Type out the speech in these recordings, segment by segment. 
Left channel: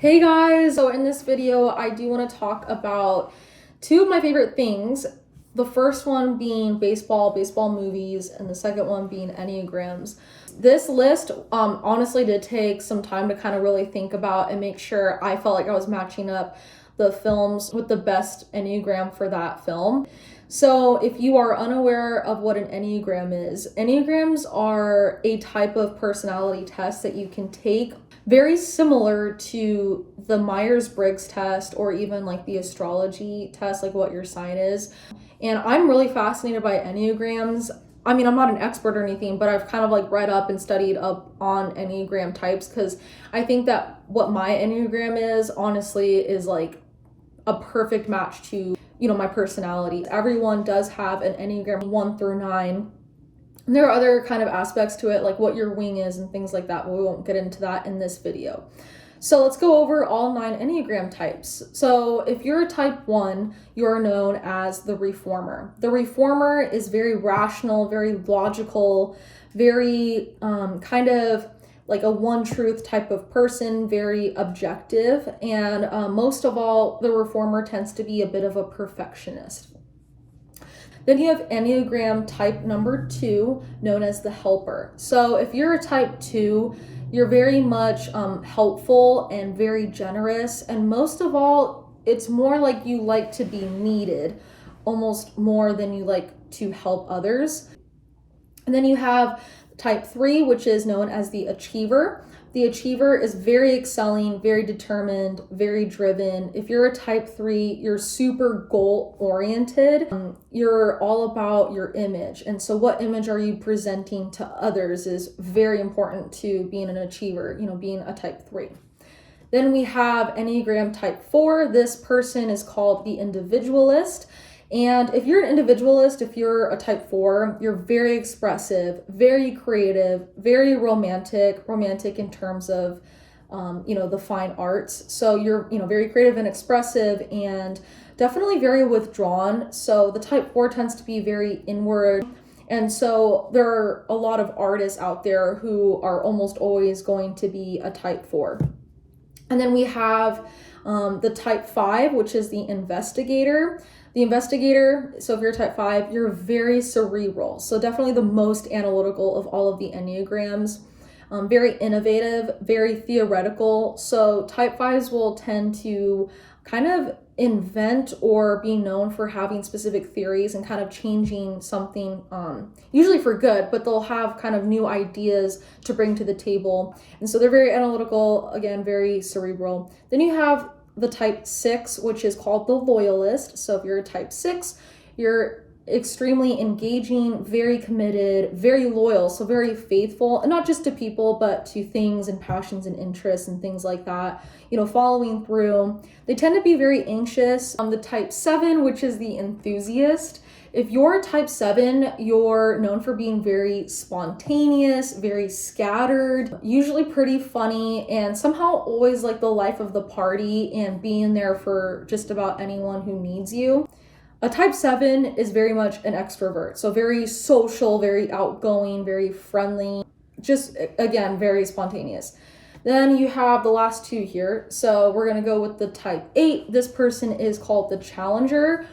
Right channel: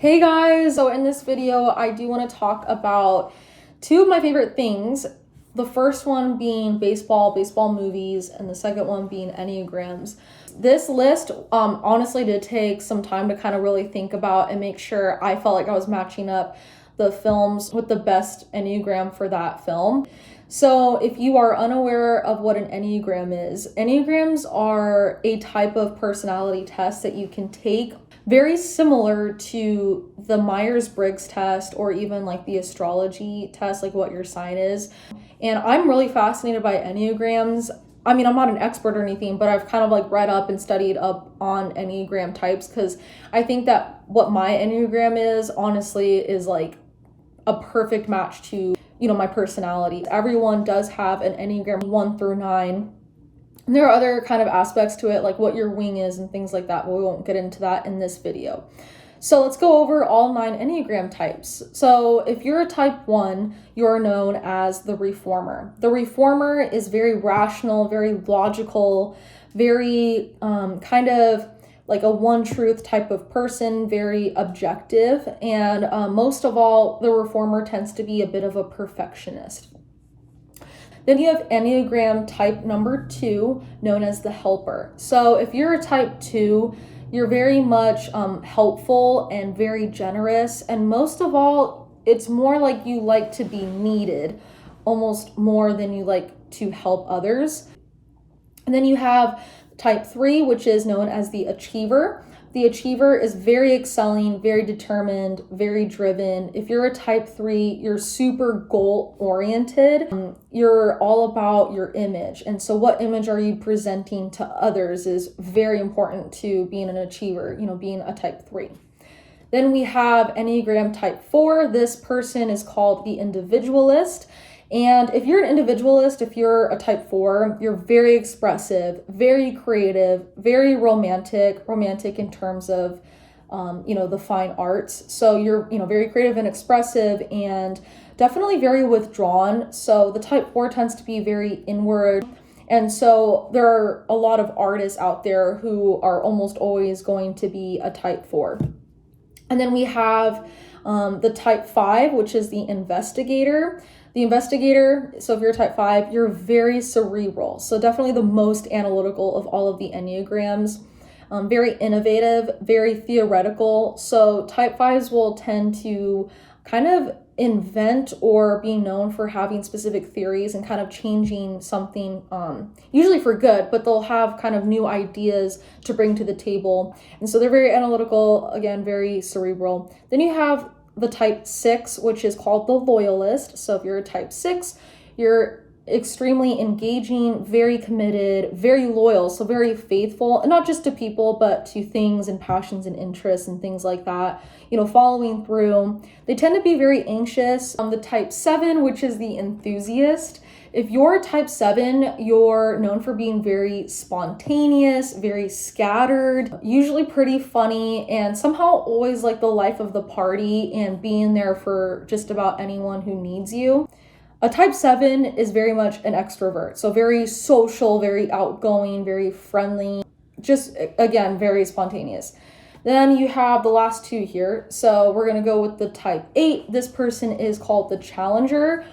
Hey guys, so in this video I do want to talk about two of my favorite things. The first one being baseball movies, and the second one being enneagrams. This list honestly did take some time to kind of really think about and make sure I felt like I was matching up the films with the best enneagram for that film. So if you are unaware of what an enneagram is, enneagrams are a type of personality test that you can take, very similar to the Myers-Briggs test or even like the astrology test, like what your sign is. And I'm really fascinated by enneagrams. I mean, I'm not an expert or anything, but I've kind of like read up and studied up on enneagram types because I think that what my enneagram is honestly is like a perfect match to, my personality. Everyone does have an enneagram 1 through 9. And there are other kind of aspects to it, like what your wing is and things like that, but we won't get into that in this video. So let's go over all 9 enneagram types. So if you're a type 1, you're known as the reformer. The reformer is very rational, very logical, very kind of like a one truth type of person, very objective. And most of all, the reformer tends to be a bit of a perfectionist. Then you have Enneagram type number 2, known as the helper. So if you're a type 2, you're very much helpful and very generous. And most of all, it's more like you like to be needed, almost more than you like to help others. And then you have type 3, which is known as the achiever. The achiever is very excelling, very determined, very driven. If you're a type 3, you're super goal-oriented. You're all about your image. And so what image are you presenting to others is very important to being an achiever, being a type 3. Then we have Enneagram type 4. This person is called the individualist. And if you're an individualist, if you're a type 4, you're very expressive, very creative, very romantic in terms of, the fine arts. So you're, very creative and expressive and definitely very withdrawn. So the type 4 tends to be very inward. And so there are a lot of artists out there who are almost always going to be a type 4. And then we have the type 5, which is the investigator. The investigator, so if you're type 5, you're very cerebral. So definitely the most analytical of all of the enneagrams. Very innovative, very theoretical. So type 5s will tend to kind of invent or be known for having specific theories and kind of changing something, usually for good, but they'll have kind of new ideas to bring to the table. And so they're very analytical, again, very cerebral. Then you have the type 6, which is called the loyalist. So if you're a type 6, you're extremely engaging, very committed, very loyal, so very faithful, and not just to people, but to things and passions and interests and things like that, following through. They tend to be very anxious. The type 7, which is the enthusiast. If you're type 7, you're known for being very spontaneous, very scattered, usually pretty funny, and somehow always like the life of the party and being there for just about anyone who needs you. A type 7 is very much an extrovert, so very social, very outgoing, very friendly, just again, very spontaneous. Then you have the last 2 here. So we're gonna go with the type 8. This person is called the challenger.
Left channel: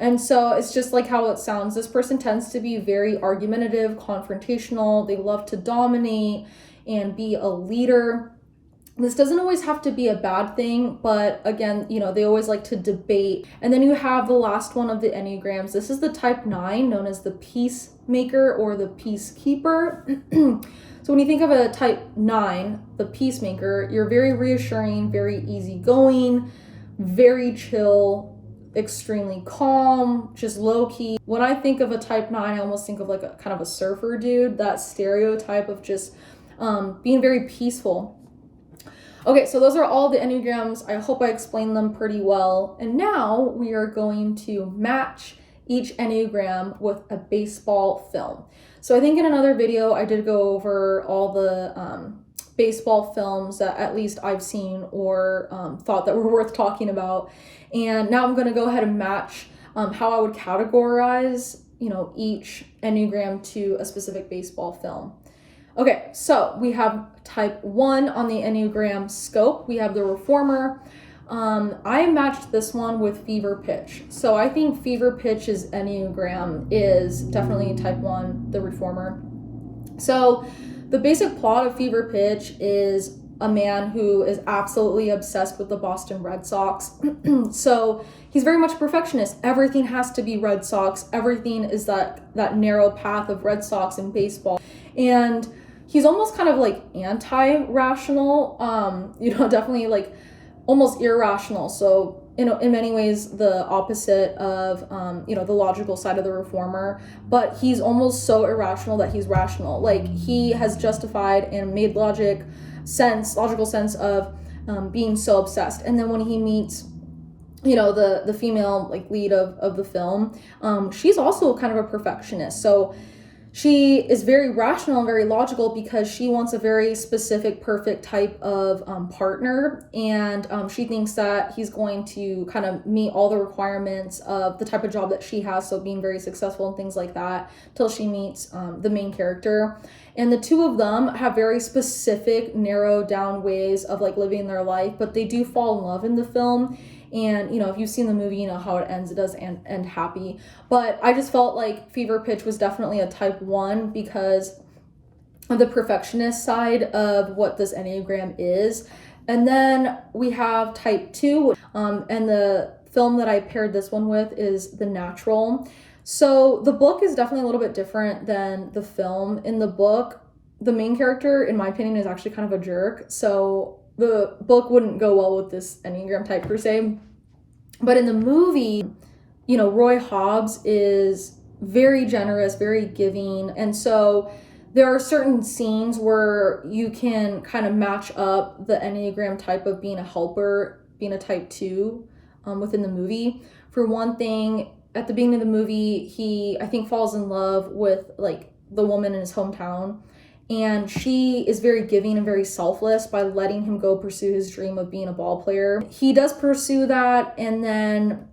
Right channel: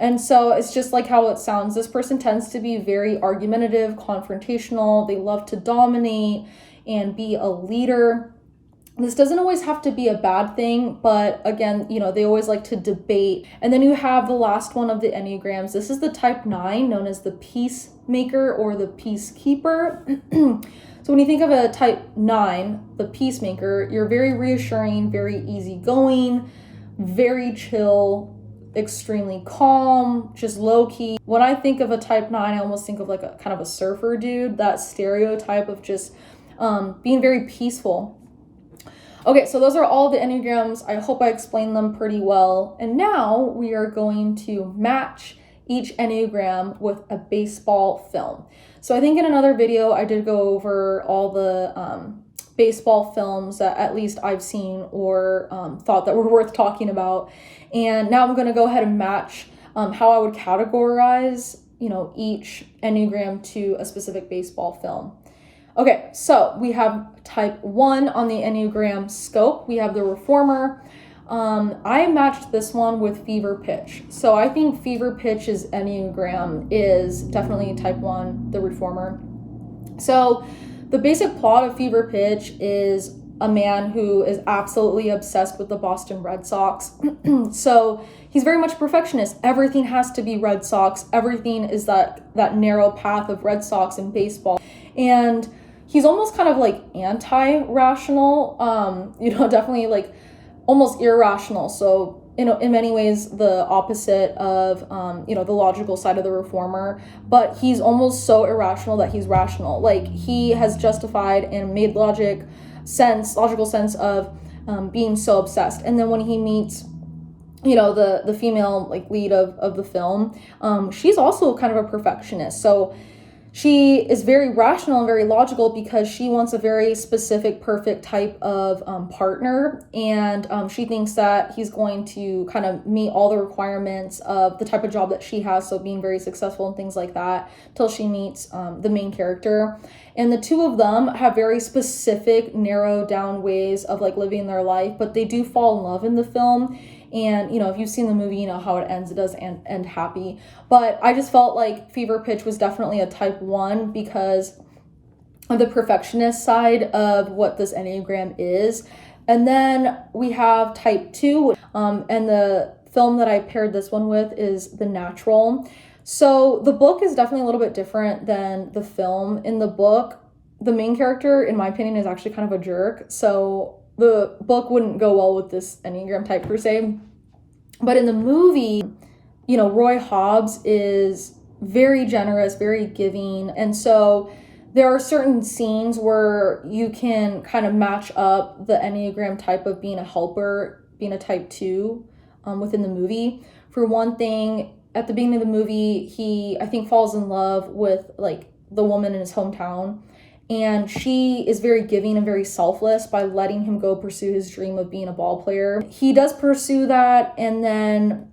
And so it's just like how it sounds. This person tends to be very argumentative, confrontational. They love to dominate and be a leader. This doesn't always have to be a bad thing, but again, they always like to debate. And then you have the last one of the enneagrams. This is the type 9, known as the peacemaker or the peacekeeper. So when you think of a type 9, the peacemaker, you're very reassuring, very easygoing, very chill, extremely calm, just low-key. When I think of a type 9, I almost think of like a kind of a surfer dude, that stereotype of just being very peaceful. Okay, so those are all the enneagrams. I hope I explained them pretty well. And now we are going to match each enneagram with a baseball film. So I think in another video I did go over all the baseball films that at least I've seen or thought that were worth talking about. And now I'm going to go ahead and match how I would categorize, each enneagram to a specific baseball film. Okay, so we have type 1 on the Enneagram scope. We have the reformer. I matched this one with fever pitch. So I think fever pitch's Enneagram is definitely type 1, the reformer. So the basic plot of fever pitch is a man who is absolutely obsessed with the Boston Red Sox. So he's very much a perfectionist. Everything has to be Red Sox. Everything is that narrow path of Red Sox in baseball. And he's almost kind of like anti-rational, definitely like almost irrational. So, in many ways, the opposite of, the logical side of the reformer. But he's almost so irrational that he's rational. Like, he has justified and made logical sense of being so obsessed. And then when he meets, the female like lead of the film, she's also kind of a perfectionist. So she is very rational and very logical because she wants a very specific, perfect type of partner. And she thinks that he's going to kind of meet all the requirements of the type of job that she has. So being very successful and things like that till she meets the main character. And the two of them have very specific, narrowed down ways of like living their life, but they do fall in love in the film. And, if you've seen the movie, you know how it ends. It does end happy. But I just felt like fever pitch was definitely a type 1 because of the perfectionist side of what this Enneagram is. And then we have type 2. And the film that I paired this one with is The Natural. So the book is definitely a little bit different than the film. In the book, the main character, in my opinion, is actually kind of a jerk. So the book wouldn't go well with this Enneagram type per se. But in the movie, Roy Hobbs is very generous, very giving. And so there are certain scenes where you can kind of match up the Enneagram type of being a helper, being a type 2 within the movie. For one thing, at the beginning of the movie, he, I think, falls in love with like the woman in his hometown. And she is very giving and very selfless by letting him go pursue his dream of being a ball player. He does pursue that, and then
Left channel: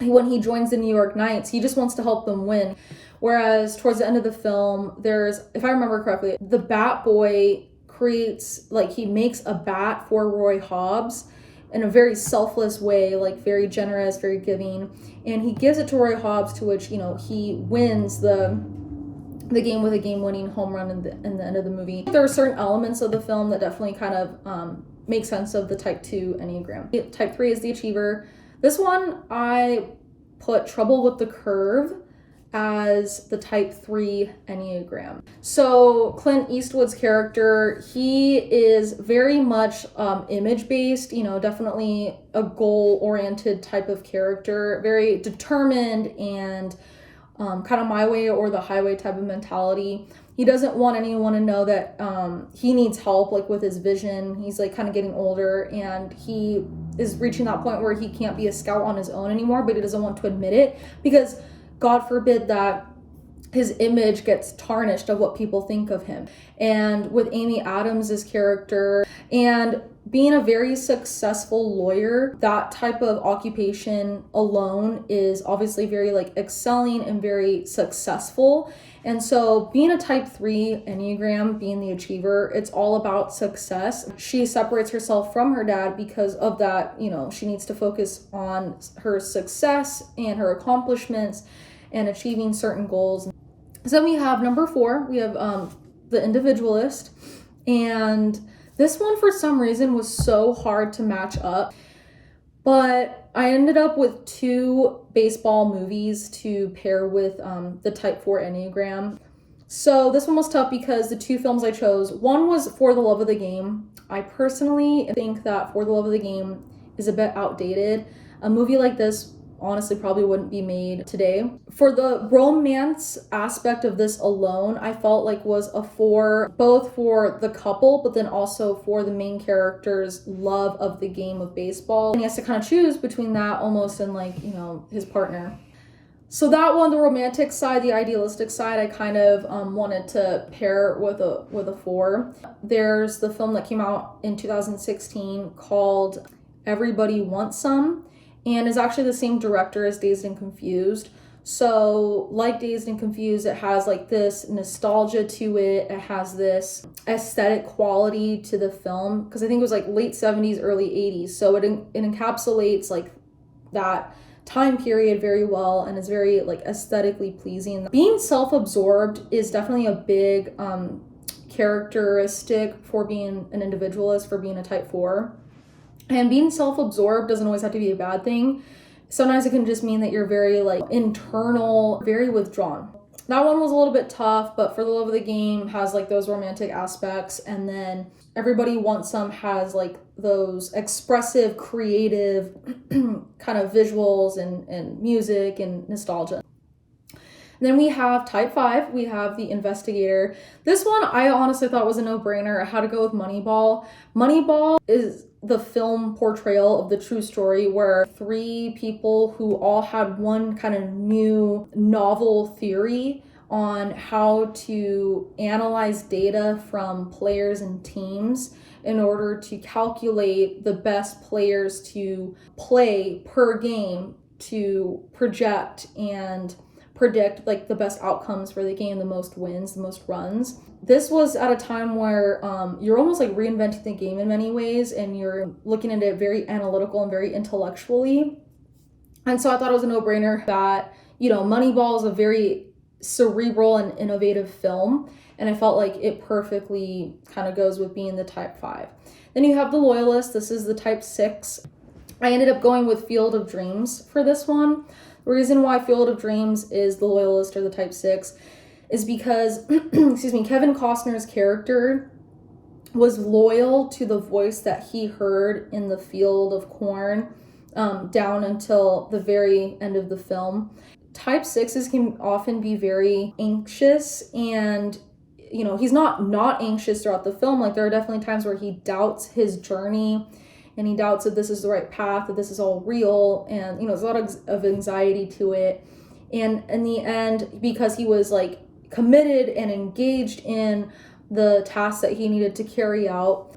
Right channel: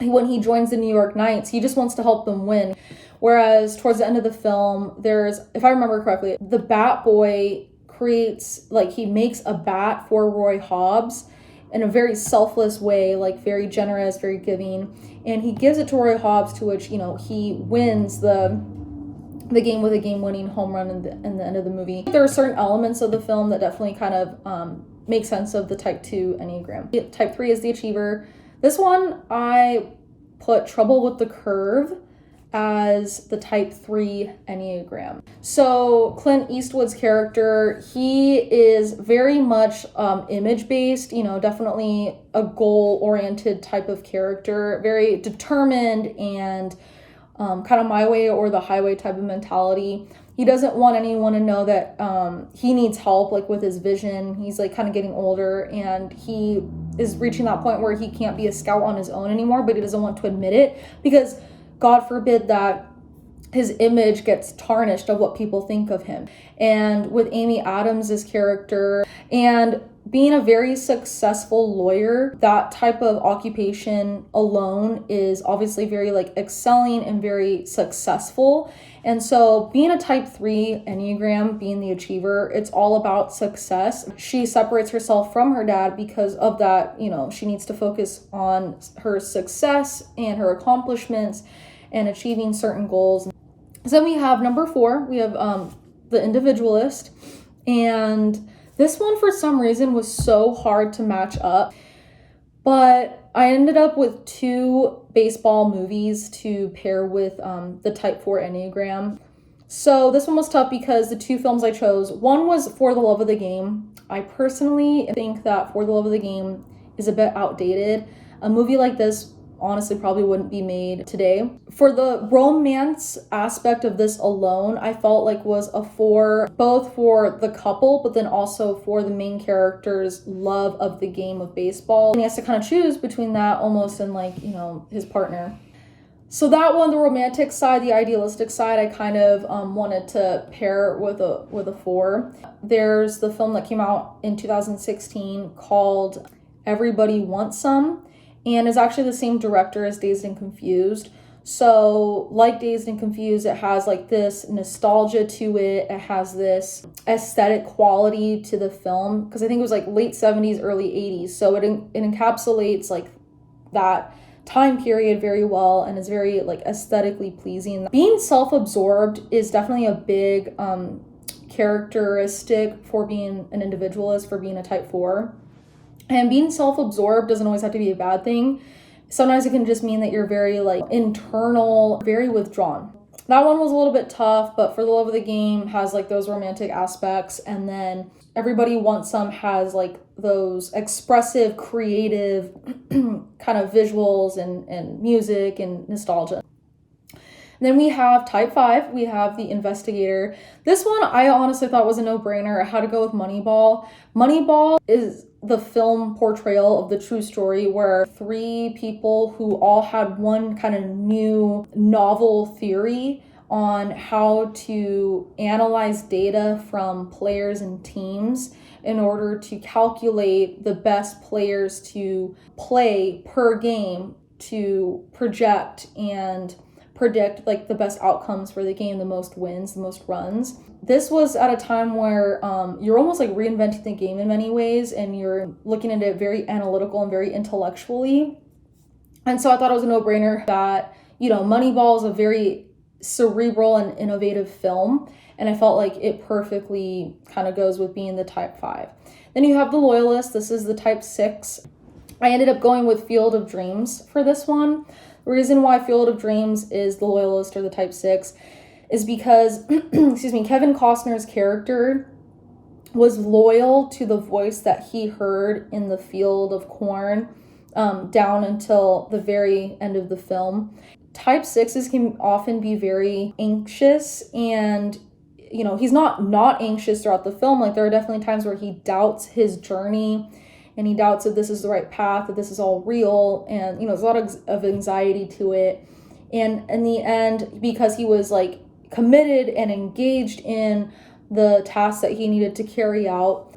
when he joins the New York Knights, he just wants to help them win. Whereas towards the end of the film, there's, if I remember correctly, the Bat Boy he makes a bat for Roy Hobbs in a very selfless way, like very generous, very giving. And he gives it to Roy Hobbs, to which, he wins the game with a game-winning home run in the end of the movie. There are certain elements of the film that definitely kind of make sense of the type 2 Enneagram. Type 3 is the achiever. This one, I put Trouble with the Curve as the type 3 Enneagram. So Clint Eastwood's character, he is very much image-based, definitely a goal-oriented type of character, very determined and kind of my way or the highway type of mentality. He doesn't want anyone to know that he needs help, like with his vision. He's like kind of getting older, and he is reaching that point where he can't be a scout on his own anymore, but he doesn't want to admit it because God forbid that his image gets tarnished of what people think of him. And with Amy Adams' character, and being a very successful lawyer, that type of occupation alone is obviously very like excelling and very successful. And so being a type 3 Enneagram, being the achiever, it's all about success. She separates herself from her dad because of that. She needs to focus on her success and her accomplishments and achieving certain goals. So then we have number 4, we have the individualist. And this one, for some reason, was so hard to match up. But I ended up with 2 baseball movies to pair with the type 4 Enneagram. So this one was tough because the 2 films I chose, one was For the Love of the Game. I personally think that For the Love of the Game is a bit outdated. A movie like this honestly probably wouldn't be made today. For the romance aspect of this alone, I felt like was a 4, both for the couple, but then also for the main character's love of the game of baseball. And he has to kind of choose between that almost and his partner. So that one, the romantic side, the idealistic side, I kind of wanted to pair with a 4. There's the film that came out in 2016 called Everybody Wants Some, and is actually the same director as Dazed and Confused. So like Dazed and Confused, it has like this nostalgia to it. It has this aesthetic quality to the film, because I think it was like late 70s, early 80s. So it encapsulates like that time period very well and is very like aesthetically pleasing. Being self-absorbed is definitely a big characteristic for being an individualist, for being a type 4. And being self-absorbed doesn't always have to be a bad thing. Sometimes it can just mean that you're very like internal, very withdrawn. That one was a little bit tough, but For the Love of the Game has like those romantic aspects, and then Everybody Wants Some has like those expressive, creative kind of visuals and music and nostalgia. Then we have type 5, we have The Investigator. This one I honestly thought was a no-brainer. I had to go with Moneyball. Moneyball is the film portrayal of the true story where 3 people who all had one kind of new novel theory on how to analyze data from players and teams in order to calculate the best players to play per game to project and predict like the best outcomes for the game, the most wins, the most runs. This was at a time where you're almost like reinventing the game in many ways, and you're looking at it very analytical and very intellectually. And so I thought it was a no-brainer that, Moneyball is a very cerebral and innovative film, and I felt like it perfectly kind of goes with being the type 5. Then you have The Loyalist. This is the type 6. I ended up going with Field of Dreams for this one. The reason why Field of Dreams is the Loyalist or the type 6 is because, Kevin Costner's character was loyal to the voice that he heard in the field of corn down until the very end of the film. Type 6s can often be very anxious, and he's not anxious throughout the film. Like, there are definitely times where he doubts his journey, and he doubts that this is the right path, that this is all real, and there's a lot of anxiety to it. And in the end, because he was like committed and engaged in the task that he needed to carry out,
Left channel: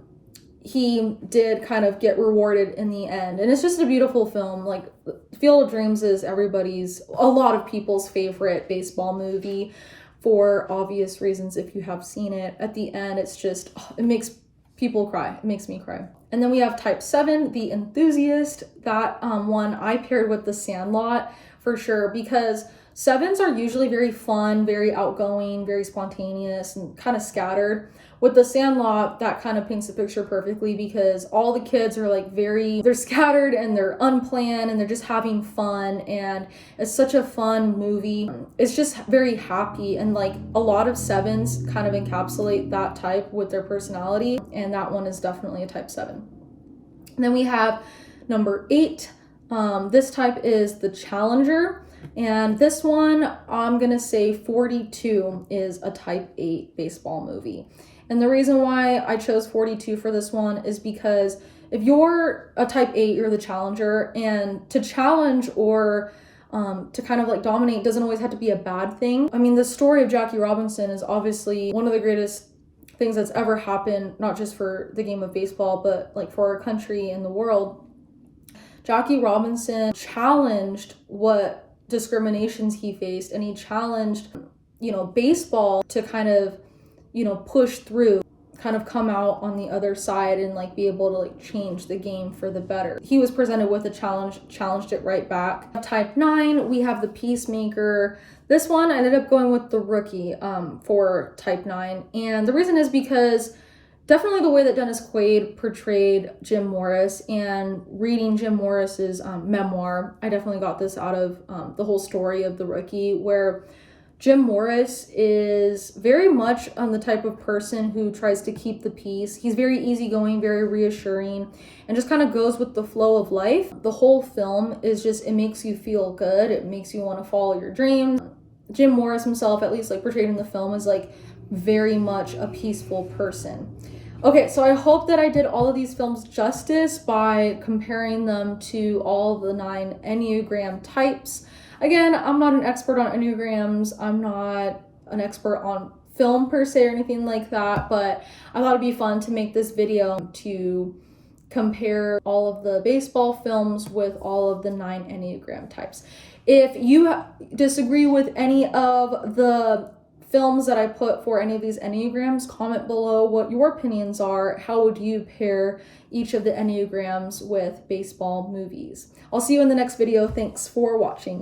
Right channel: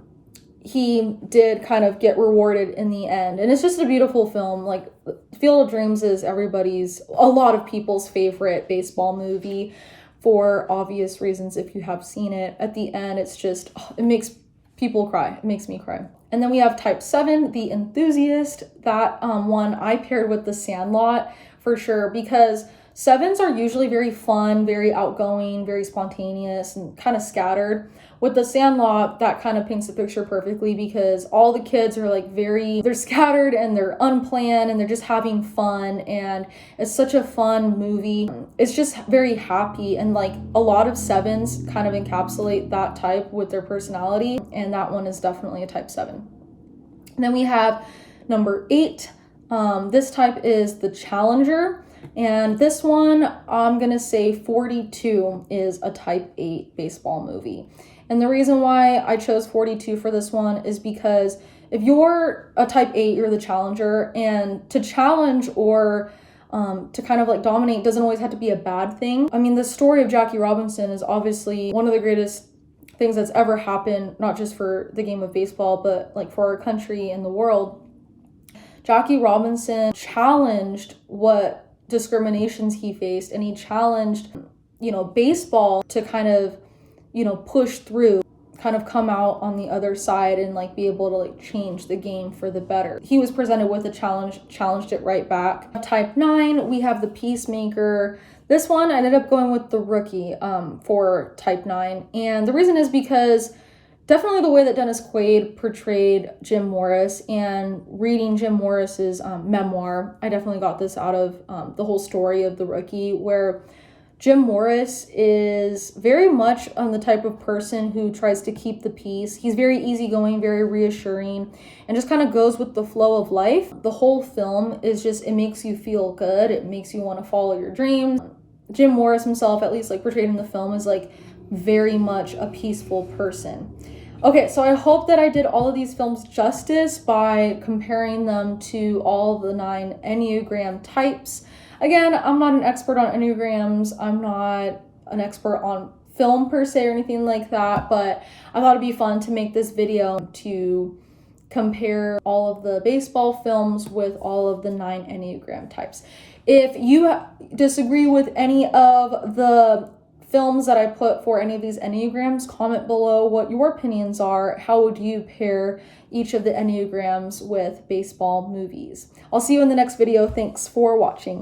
he did kind of get rewarded in the end. And it's just a beautiful film. Like, Field of Dreams is a lot of people's favorite baseball movie for obvious reasons if you have seen it. At the end, it's just, it makes people cry. It makes me cry. And then we have type 7, The Enthusiast. That one I paired with The Sandlot for sure, because 7s are usually very fun, very outgoing, very spontaneous, and kind of scattered. With The Sandlot, that kind of paints the picture perfectly, because all the kids are like they're scattered and they're unplanned and they're just having fun, and it's such a fun movie. It's just very happy, and like a lot of 7s kind of encapsulate that type with their personality, and that one is definitely a type 7. And then we have number 8. This type is the Challenger. And this one, I'm going to say 42 is a type 8 baseball movie. And the reason why I chose 42 for this one is because if you're a type 8, you're the Challenger, and to challenge or to kind of like dominate doesn't always have to be a bad thing. I mean, the story of Jackie Robinson is obviously one of the greatest things that's ever happened, not just for the game of baseball, but like for our country and the world. Jackie Robinson challenged what discriminations he faced, and he challenged baseball to kind of push through, kind of come out on the other side and like be able to like change the game for the better. He was presented with a challenge, challenged it right back. Type 9, we have The Peacemaker. This one I ended up going with The Rookie for type 9, and the reason is because definitely the way that Dennis Quaid portrayed Jim Morris, and reading Jim Morris's memoir, I definitely got this out of the whole story of The Rookie, where Jim Morris is very much the type of person who tries to keep the peace. He's very easygoing, very reassuring, and just kind of goes with the flow of life. The whole film is just, it makes you feel good. It makes you want to follow your dreams. Jim Morris himself, at least like portrayed in the film, is like very much a peaceful person. Okay, so I hope that I did all of these films justice by comparing them to all of the 9 Enneagram types. Again, I'm not an expert on Enneagrams. I'm not an expert on film per se or anything like that, but I thought it'd be fun to make this video to compare all of the baseball films with all of the 9 Enneagram types. If you disagree with any of the films that I put for any of these enneagrams, comment below what your opinions are. How would you pair each of the enneagrams with baseball movies? I'll see you in the next video. Thanks for watching.